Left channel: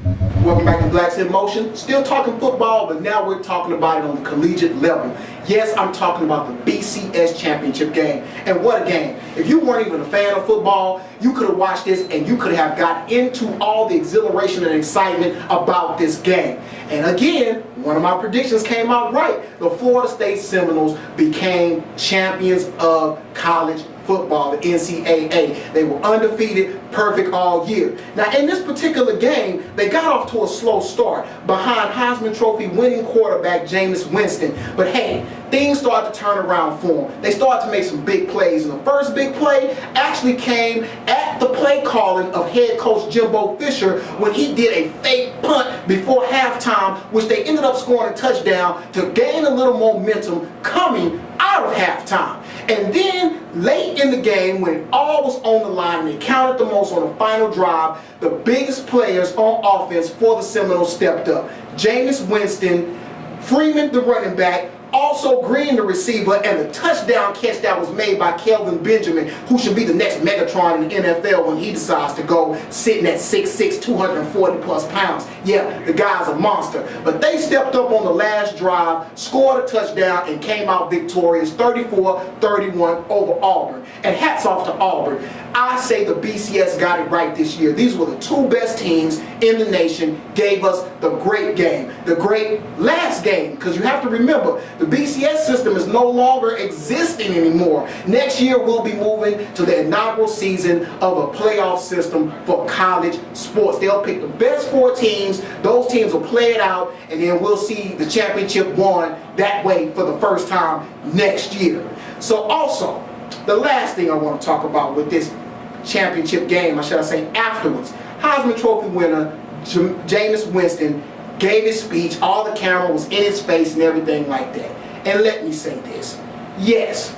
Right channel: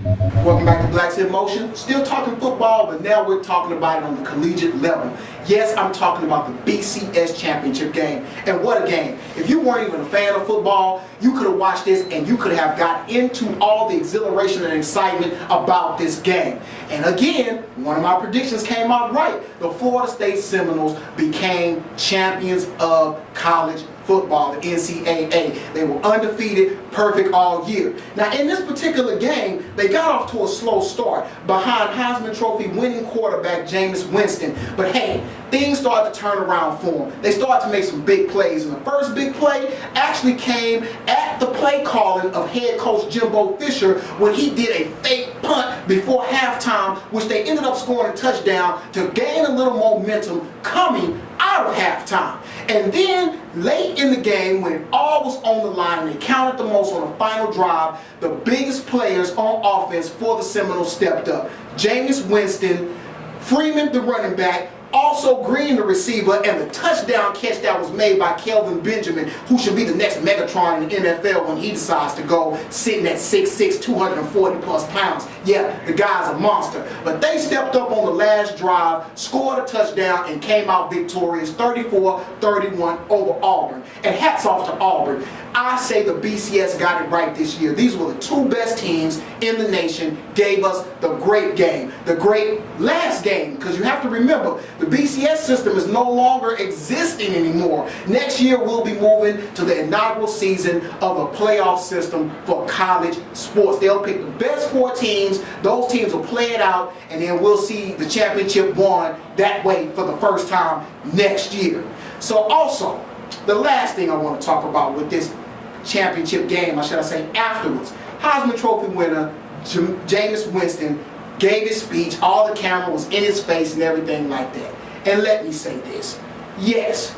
Welcome back to Blacks in Motion. Still talking football, but now we're talking about it on the collegiate level. Yes, I'm talking about the BCS championship game. And what a game. If you weren't even a fan of football, you could have watched this and you could have got into all the exhilaration and excitement about this game. And again, one of my predictions came out right. The Florida State Seminoles became champions of college football, the NCAA. They were undefeated, perfect all year. Now in this particular game, they got off to a slow start behind Heisman Trophy winning quarterback Jameis Winston. But hey, things started to turn around for them. They started to make some big plays, and the first big play actually came at the play calling of head coach Jimbo Fisher when he did a fake punt before halftime, which they ended up scoring a touchdown to gain a little momentum coming out of halftime. And then late in the game, when it all was on the line and it counted the most on the final drive, the biggest players on offense for the Seminoles stepped up. Jameis Winston, Freeman the running back, also Green the receiver, and the touchdown catch that was made by Kelvin Benjamin, who should be the next Megatron in the NFL when he decides to go sitting at 6'6", 240 plus pounds. Yeah, the guy's a monster. But they stepped up on the last drive, scored a touchdown, and came out victorious 34-31 over Auburn. And hats off to Auburn. I say the BCS got it right this year. These were the two best teams in the nation, gave us the great game, the great last game, because you have to remember, the BCS system is no longer existing anymore. Next year we'll be moving to the inaugural season of a playoff system for college sports. They'll pick the best 4 teams, those teams will play it out, and then we'll see the championship won that way for the first time next year. So also, the last thing I want to talk about with this championship game, or should I say afterwards, Heisman Trophy winner Jameis Winston gave his speech, all the camera was in his face and everything like that. And let me say this, yes,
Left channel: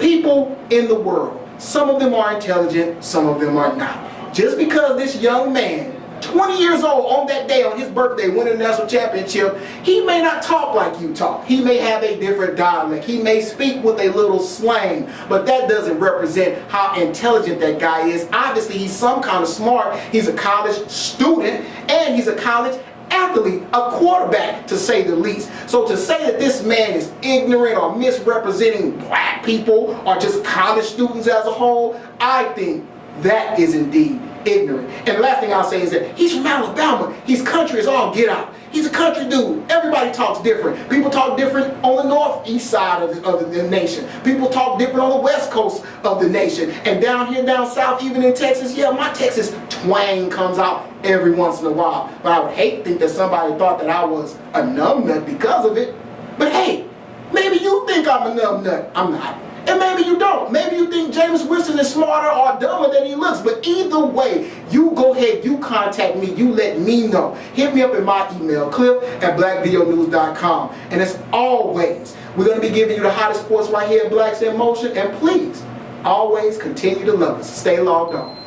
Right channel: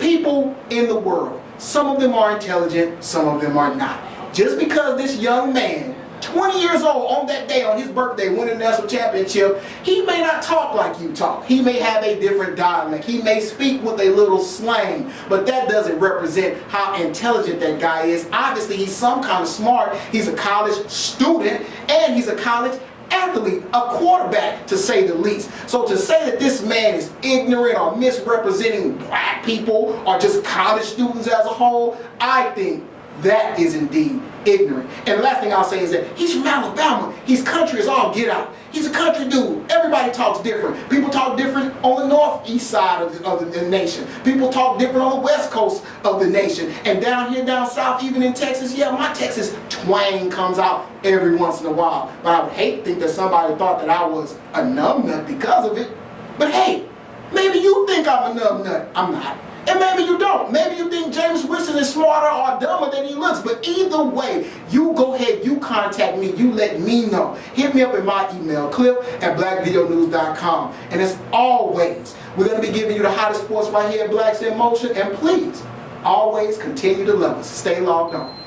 people in the world, some of them are intelligent, some of them are not. Just because this young man, 20 years old on that day, on his birthday, winning the national championship, he may not talk like you talk. He may have a different dialect. He may speak with a little slang, but that doesn't represent how intelligent that guy is. Obviously, he's some kind of smart. He's a college student, and he's a college athlete, a quarterback to say the least. So to say that this man is ignorant or misrepresenting black people or just college students as a whole, I think that is indeed ignorant. And the last thing I'll say is that he's from Alabama. He's country as all get out. He's a country dude. Everybody talks different. People talk different on the northeast side of the nation. People talk different on the west coast of the nation. And down here, down south, even in Texas, yeah, my Texas twang comes out every once in a while. But I would hate to think that somebody thought that I was a numbnut because of it. But hey, maybe you think I'm a numbnut. I'm not. And maybe you don't. Maybe you think Jameis Winston is smarter or dumber than he looks. But either way, you go ahead, you contact me, you let me know. Hit me up in my email, cliff@blackvideonews.com. And as always, we're going to be giving you the hottest sports right here at Blacks in Motion. And please, always continue to love us. Stay logged on.